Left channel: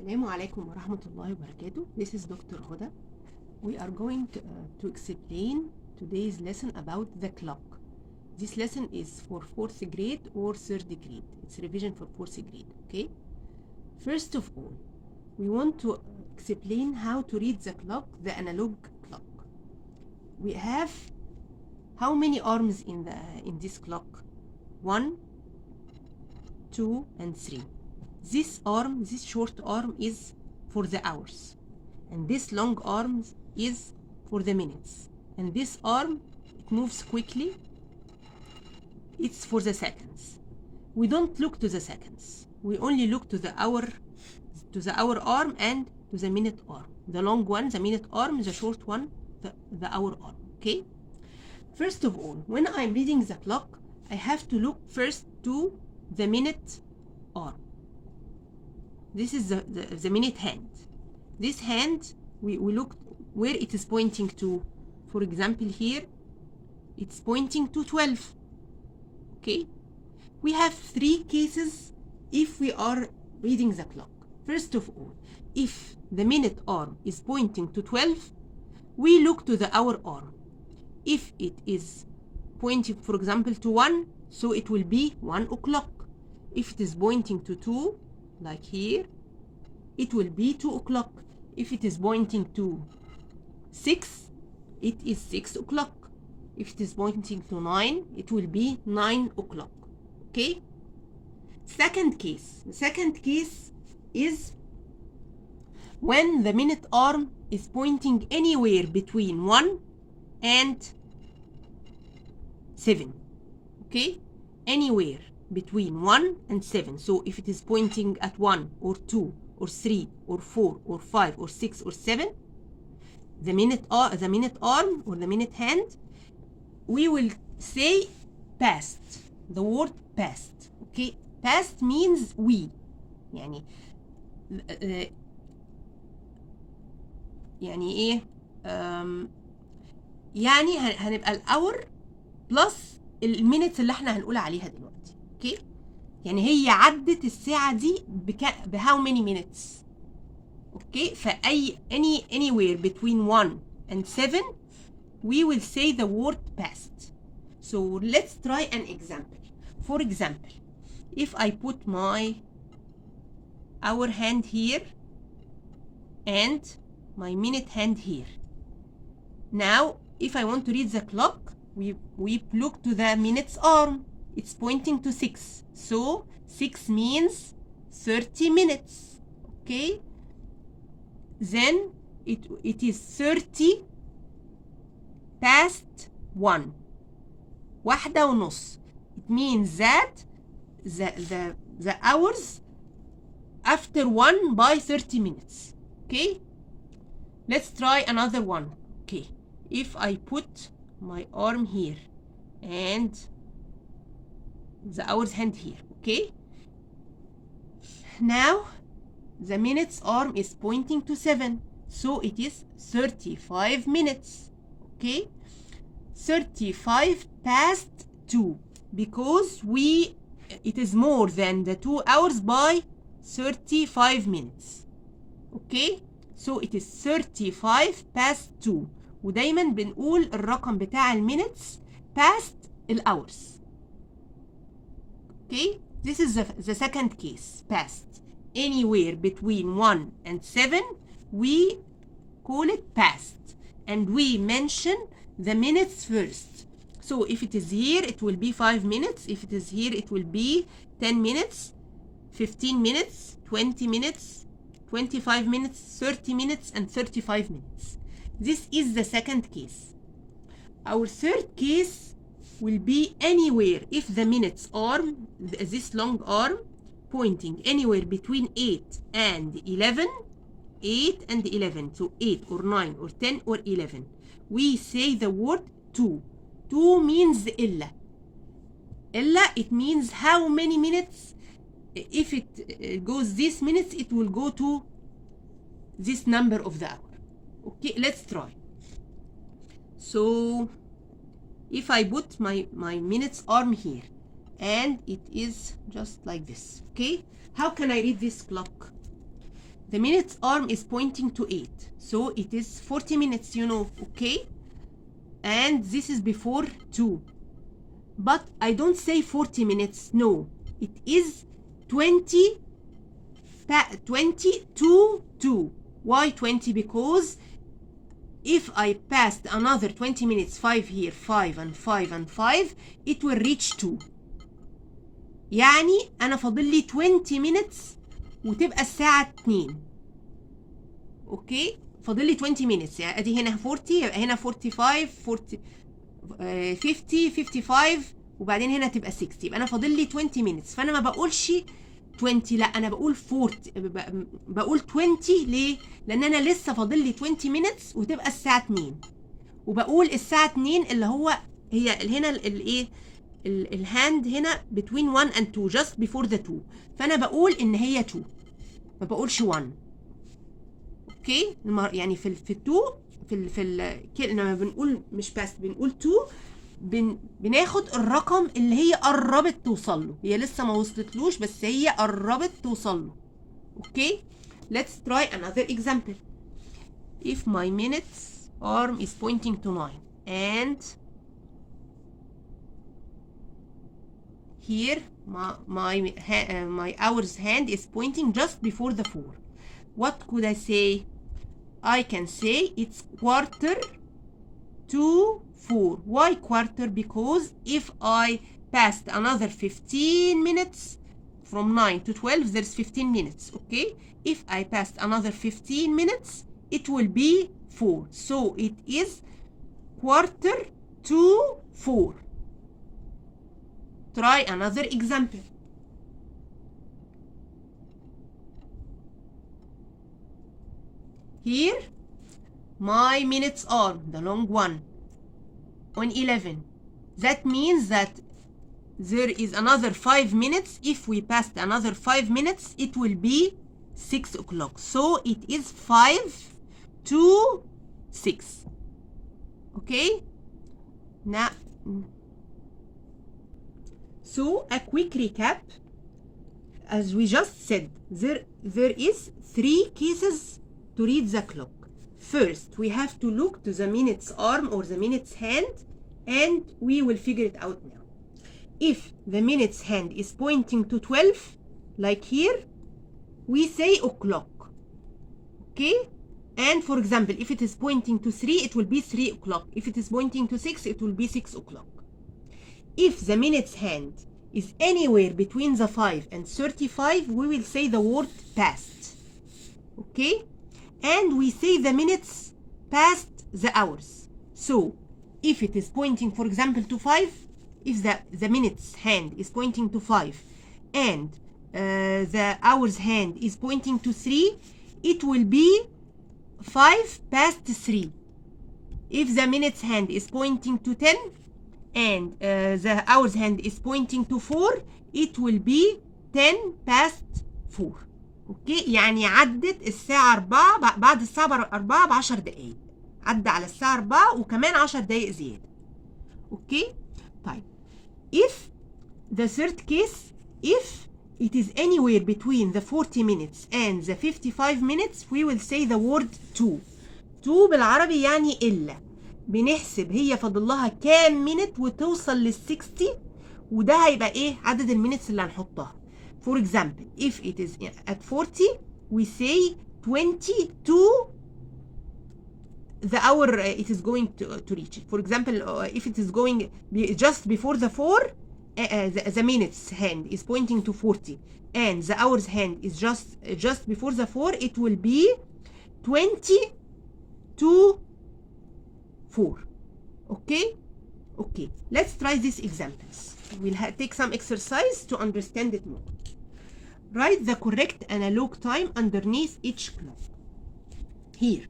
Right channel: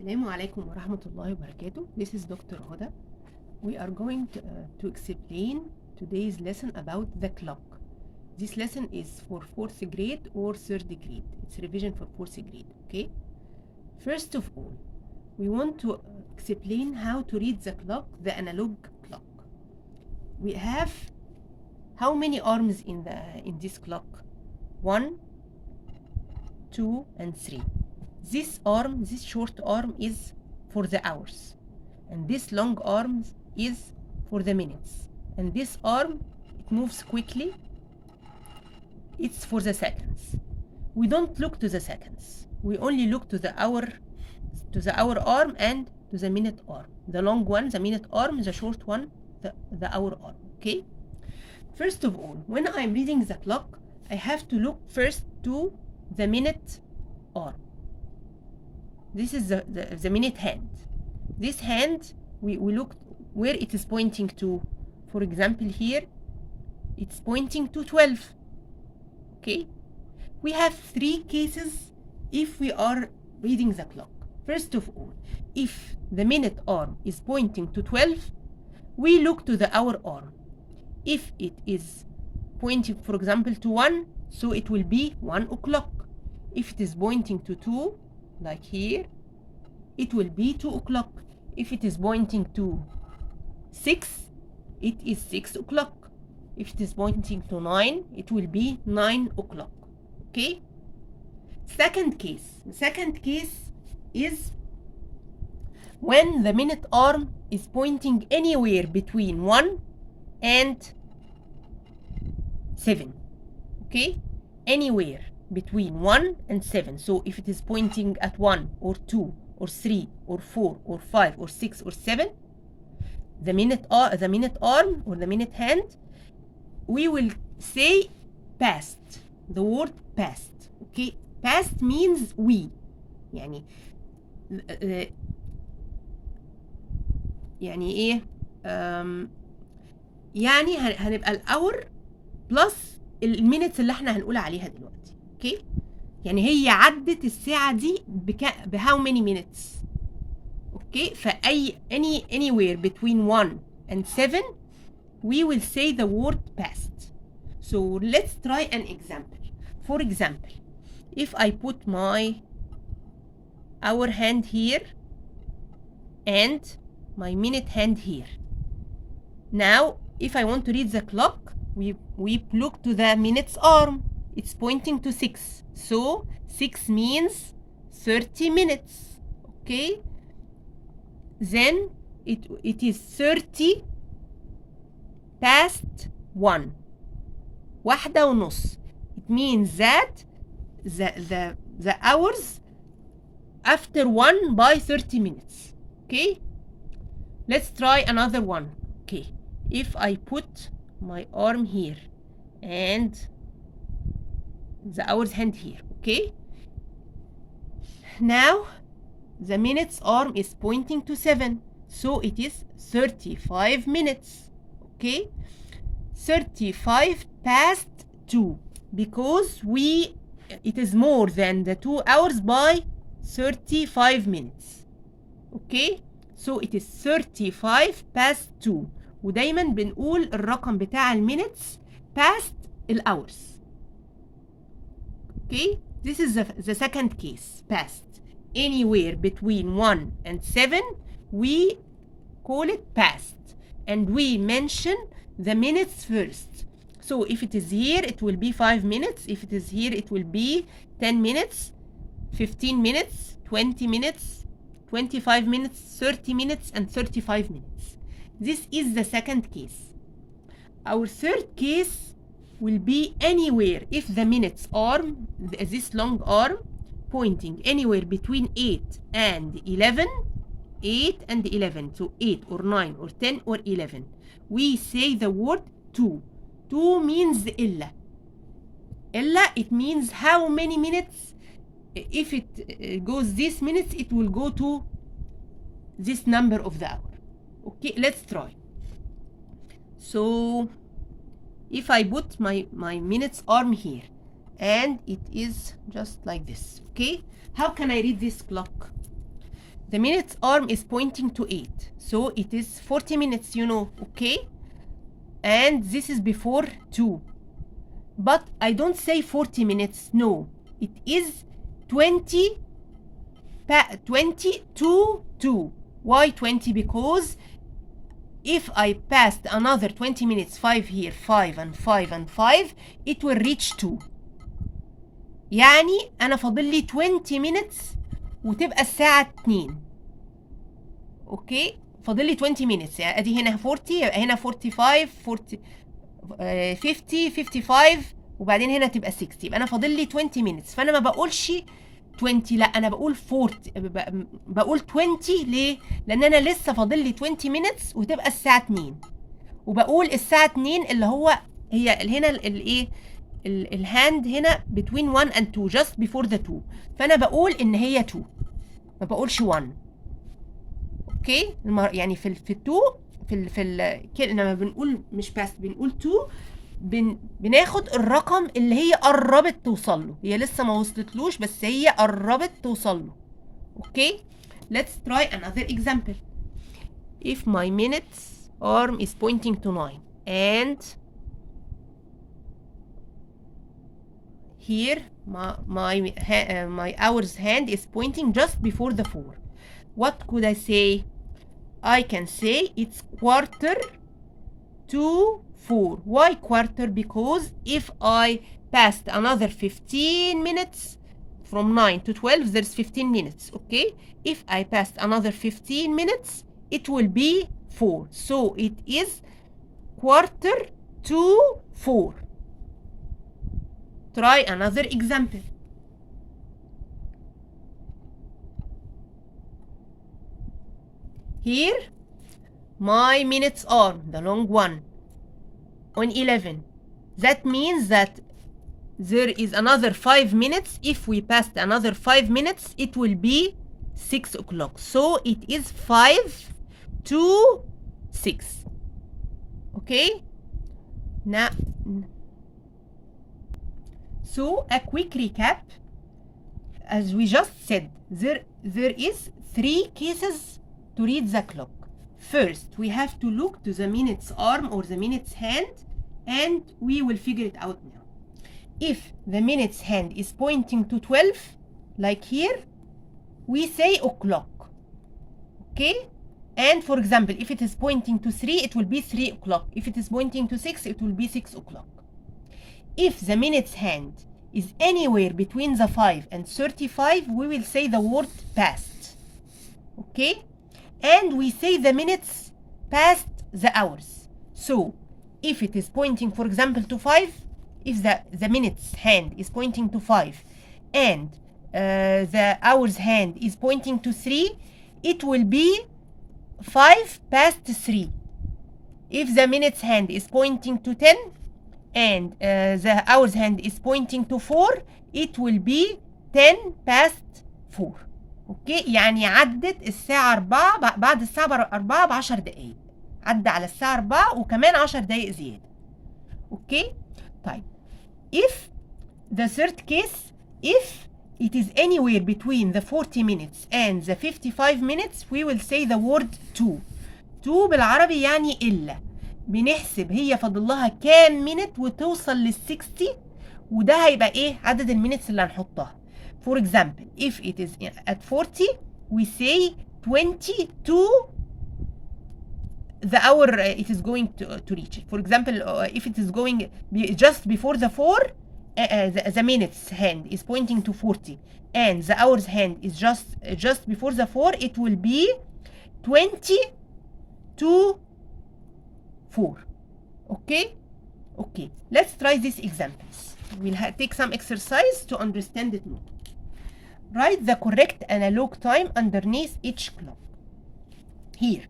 Assalamu alaikum wa rahmatullahi wa barakatuh. This is Dr. Huda. We are going to explain today's lesson about the clock. This lesson is for 4th grade or 3rd grade. It's revision for 4th grade, okay? First of all, we want to explain how to read the clock, the analog clock. We have how many arms in this clock? 1, 2, and 3. This short arm is for the hours, and this long arm is for the minutes, and this arm, it moves quickly, it's for the seconds. We don't look to the seconds, we only look to the hour arm and to the minute arm. The long one, the minute arm, the short one, the hour arm. Okay, first of all, when I'm reading the clock, I have to look first to the minute arm. This is the minute hand. This hand, we look where it is pointing to. For example, here it's pointing to 12. Okay, we have 3 cases if we are reading the clock. First of all, if the minute arm is pointing to 12, we look to the hour arm. If it is pointing, for example, to 1, so it will be 1 o'clock. If it is pointing to 2, like here, it will be 2 o'clock. If it is pointing to 6, it is 6 o'clock. If it is pointing to 9, it will be 9 o'clock. Okay? Second case. The second case is when the minute arm is pointing anywhere between 1 and 7. Okay? Anywhere between 1 and 7. So if it is pointing at 1 or 2 or 3 or 4 or 5 or 6 or 7, the minute arm or the minute hand, we will say past, the word past. Okay, past means we, يعني ايه يعني هنبقى الاور بلس المينتس اللي احنا هنقول عليها دلوقتي. اوكي، يعني هي عدت الساعة دي بهاو many minutes. اوكي، فأي anywhere between 1 and 7 we will say the word past. So let's try an example. For example, if I put my hour hand here and my minute hand here. Now, if I want to read the clock, we look to the minutes arm. It's pointing to 6. So 6 means 30 minutes. Okay? Then it is 30 past 1. 1:30. It means that the hours after 1 by 30 minutes. Okay? Let's try another one. Okay. If I put my arm here and the hour's hand here. Okay? Now the minutes arm is pointing to 7. So it is 35 minutes. Okay? 35 past 2, because it is more than the 2 hours by 35 minutes. Okay? So it is 35 past 2. ودايما بنقول الرقم بتاع المينتس past الhours. Okay? This is the second case, past. Anywhere between 1 and 7, we call it past. And we mention the minutes first. So if it is here, it will be 5 minutes. If it is here, it will be 10 minutes, 15 minutes, 20 minutes, 25 minutes, 30 minutes, and 35 minutes. This is the second case. Our third case will be anywhere if the minutes arm, this long arm, pointing anywhere between 8 and 11, 8 and 11, so 8 or 9 or 10 or 11. We say the word 2. 2 means إلا. إلا, it means how many minutes. If it goes this minutes, it will go to this number of the hour. Okay, let's try. So if I put my minutes arm here and it is just like this. Okay, how can I read this clock? the minutes arm is pointing to 8, so it is 40 minutes, you know, okay? And this is before 2. But I don't say 40 minutes, no. It is 20 to 2. Why 20? Because if I passed another 20 minutes, 5 here, 5 and 5 and 5, it will reach 2. يعني أنا فاضل لي 20 minutes وتبقى الساعة 2. أوكي؟ فاضل لي 20 minutes، يعني أدي هنا 40، يبقى هنا 45، 50، 55، وبعدين هنا تبقى 60. يبقى أنا فاضل لي 20 minutes، فأنا ما بقولش 20، لا أنا بقول 40، بقول 20. ليه؟ لأن أنا لسه فاضل لي 20 minutes وتبقى الساعة 2. وبقول الساعة 2 اللي هو هي هنا الإيه؟ الهاند هنا between 1 and 2 just before the 2، فأنا بقول إن هي 2، ما بقولش 1. أوكي؟ يعني في ال 2 لما بنقول مش بس بنقول 2، بناخد الرقم اللي هي قربت توصل له، هي لسه ما وصلتلوش بس هي قربت توصل له. اوكي؟ let's try another example. if my minutes arm is pointing to 9 and here my hours hand is pointing just before the 4, what could I say? I can say it's quarter to 4. Why quarter? Because if I passed another 15 minutes from 9 to 12, there's 15 minutes, okay? If I passed another 15 minutes, it will be 4. So it is quarter to 4. Try another example. Here, my minutes arm, the long one, on 11. That means that there is another 5 minutes. If we passed another 5 minutes, it will be 6 o'clock. So it is 5 to 6. Okay? Now, so a quick recap. As we just said, there is 3 cases to read the clock. First, we have to look to the minutes arm or the minutes hand, and we will figure it out now. If the minutes hand is pointing to 12, like here, we say o'clock. Okay? And for example, if it is pointing to 3, it will be 3 o'clock. If it is pointing to 6, it will be 6 o'clock. If the minutes hand is anywhere between the 5 and 35, we will say the word past. Okay? And we say the minutes past the hours. So, if it is pointing, for example, to 5, if the minutes hand is pointing to 5 and the hours hand is pointing to 3, it will be 5 past 3. If the minutes hand is pointing to 10 and the hours hand is pointing to 4, it will be 10 past 4. اوكي؟ يعني عدت الساعة 4 بعد الساعة 4 ب10 دقايق. عدى على الساعة 4 وكمان 10 دقايق زيادة. اوكي؟ طيب. If the third case, if it is anywhere between the 40 minutes and the 55 minutes, we will say the word to. To بالعربي يعني إلا. بنحسب هي فاضل لها كام minute وتوصل لل 60، وده هيبقى إيه؟ عدد المينتس اللي هنحطها. For example, if it is at 40, we say 20 to the hour it is going to reach. For example, if it is going just before the 4, the minutes hand is pointing to 40, and the hours hand is just before the 4, it will be 20 to 4. Okay? Okay. Let's try these examples. We'll take some exercise to understand it more. Write the correct analog time underneath each clock. Here,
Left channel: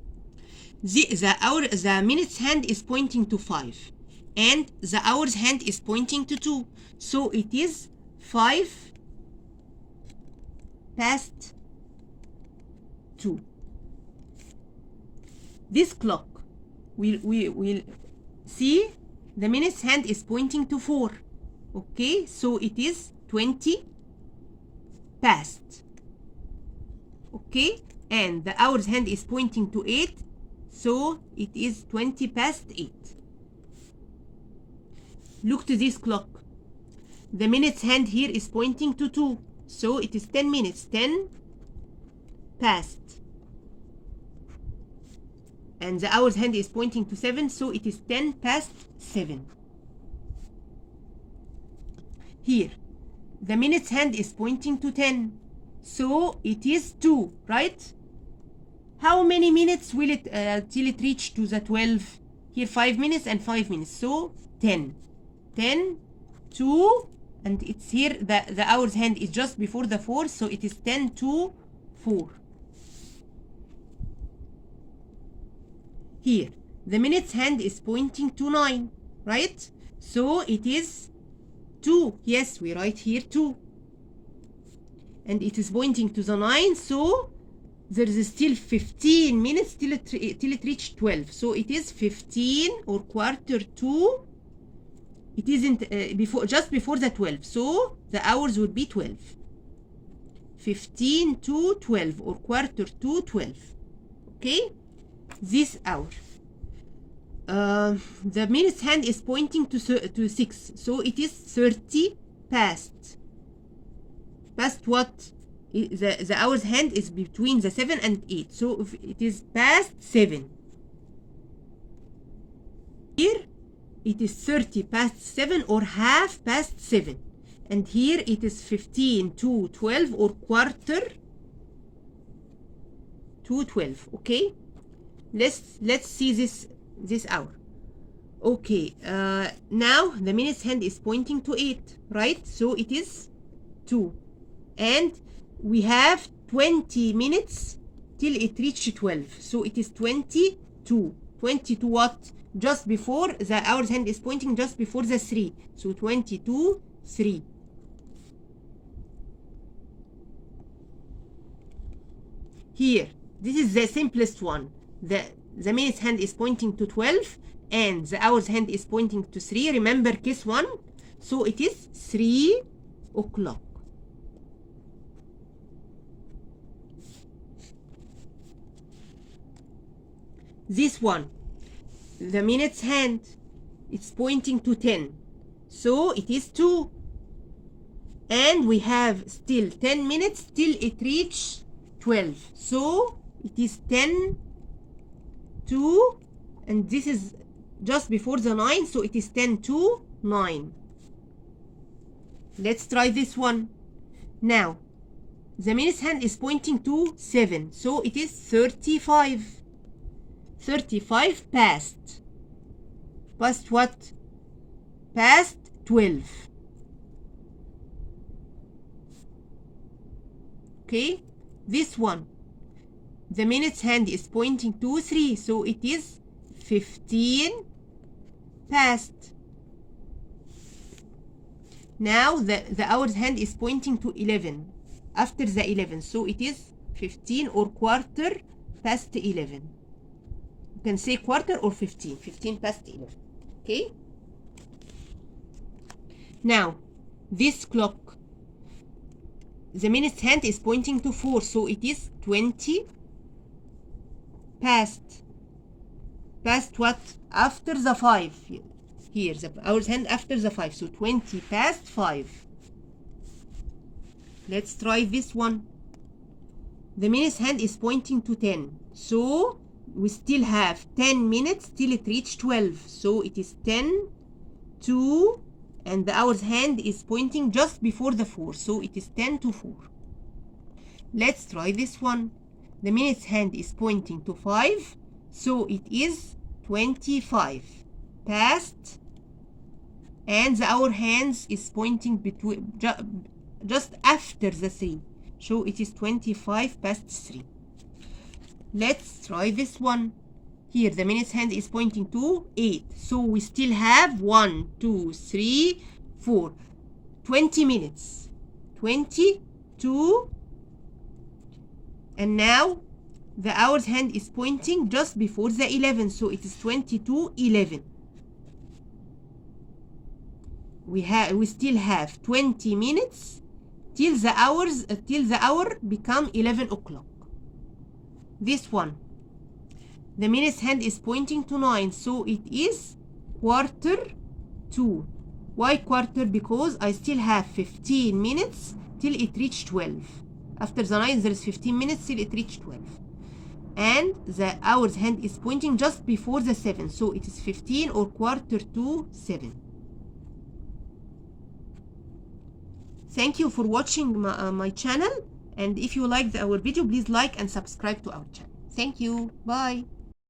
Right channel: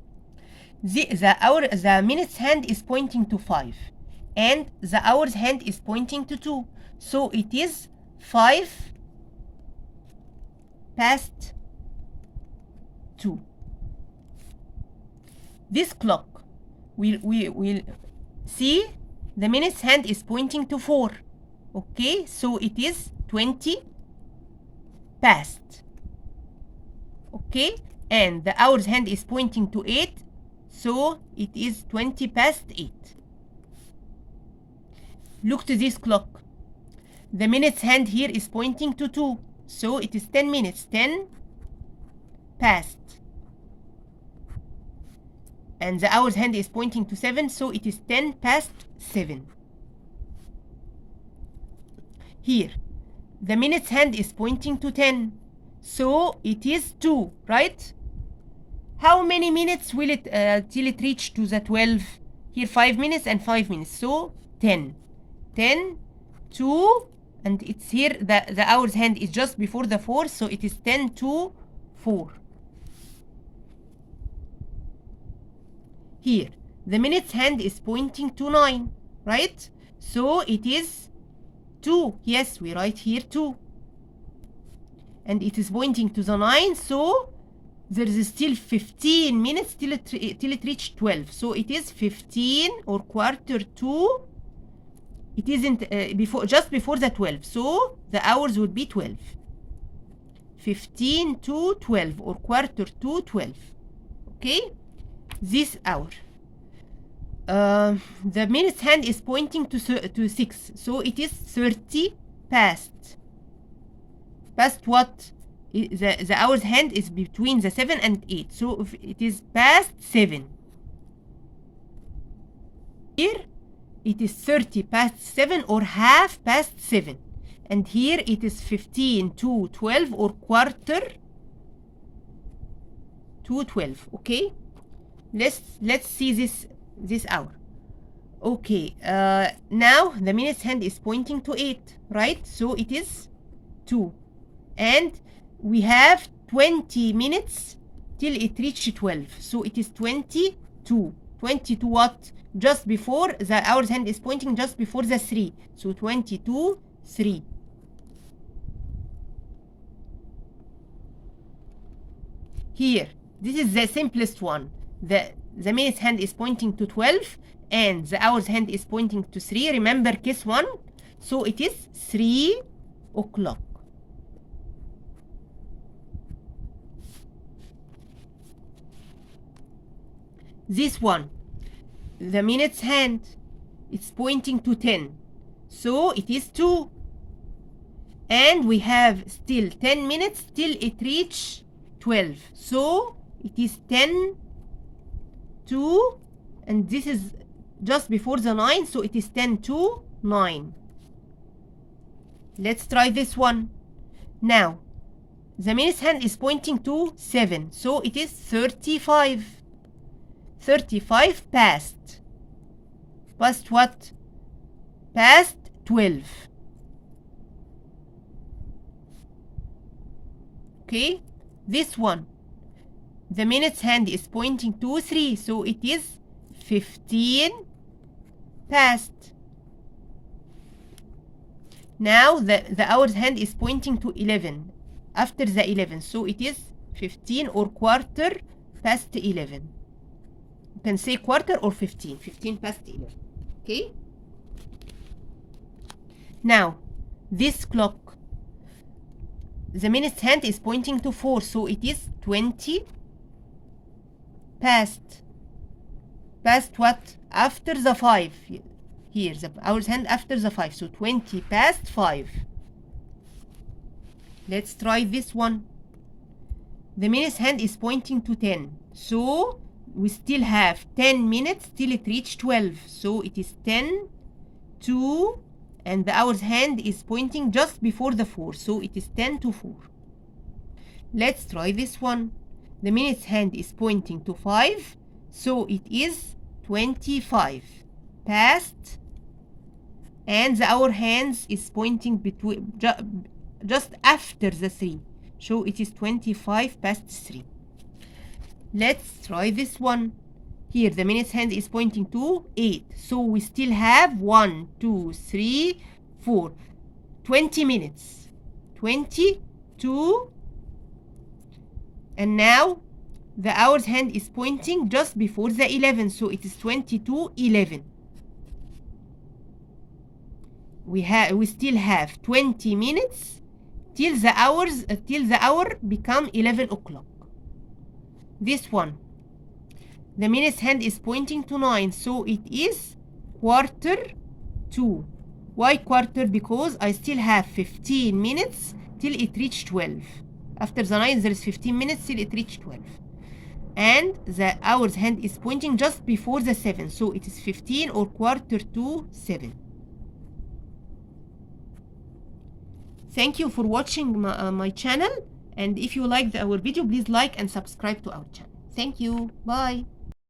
the minutes hand is pointing to 5, and the hours hand is pointing to 2. So it is 5 past 2. This clock, we'll see the minutes hand is pointing to 4. Okay, so it is 20 past. Okay, and the hour's hand is pointing to 8, so it is 20 past 8. Look to this clock. The minute's hand here is pointing to 2, so it is 10 minutes. 10 past. And the hour's hand is pointing to 7, so it is 10 past 7. Here, the minute's hand is pointing to 10, so it is 2, right? How many minutes will it till it reach to the 12? Here 5 minutes and 5 minutes, so 10. 10, 2, and it's here the hour's hand is just before the 4, so it is 10 to 4. Here, the minute's hand is pointing to 9, right? So it is 2. Yes, we write here 2. And it is pointing to the 9, so there is still 15 minutes till it reach 12. So it is 15 or quarter to. It isn't just before the 12. So the hours would be 12. 15 to 12 or quarter to 12. Okay? This hour. The minute's hand is pointing to 6, so it is 30 past. Past what? The hour's hand is between the 7 and 8, so it is past 7. Here it is 30 past 7 or half past 7. And here it is 15 to 12 or quarter to 12. Okay? Let's see this hour. Okay, now the minute's hand is pointing to 8, right? So it is 2. And we have 20 minutes till it reaches 12. So it is 22. 22 what? Just before the hour's hand is pointing just before the 3. So 22, 3. Here, this is the simplest one. The minute's hand is pointing to 12 and the hour's hand is pointing to 3. Remember case 1? So it is 3 o'clock. This one, the minute's hand, it's pointing to 10. So it is 2. And we have still 10 minutes till it reach 12. So it is 10 to, and this is just before the 9, so it is 10 to 9. Let's try this one. Now, the minute's hand is pointing to 7, so it is 35. 35 past. Past what? Past 12. Okay, this one. The minute's hand is pointing to 3, so it is 15 past. Now the hour's hand is pointing to 11, after the 11, so it is 15 or quarter past 11. You can say quarter or 15, 15 past 11. Okay? Now, this clock, the minute's hand is pointing to 4, so it is 20 past. Past what? After the 5. Here, the hour's hand after the 5, so 20 past 5. Let's try this one. The minute's hand is pointing to 10, so we still have 10 minutes till it reach 12. So it is 10 to, and the hour's hand is pointing just before the 4. So it is 10 to 4. Let's try this one. The minute's hand is pointing to 5. So it is 25 past. And the hour hands is pointing between just after the 3. So it is 25 past 3. Let's try this one. Here the minute's hand is pointing to 8. So we still have 1, 2, 3, 4. 20 minutes. 22. And now the hour's hand is pointing just before the 11. So it is 22, 11. We still have 20 minutes till the hour become 11 o'clock. this one. The minutes hand is pointing to 9, so it is quarter to. Why quarter? Because I still have 15 minutes till it reach 12. After the 9 there is 15 minutes till it reach 12. And the hours hand is pointing just before the 7, so it is 15 or quarter to 7. Thank you for watching my channel, and if you liked our video, please like and subscribe to our channel. Thank you. Bye.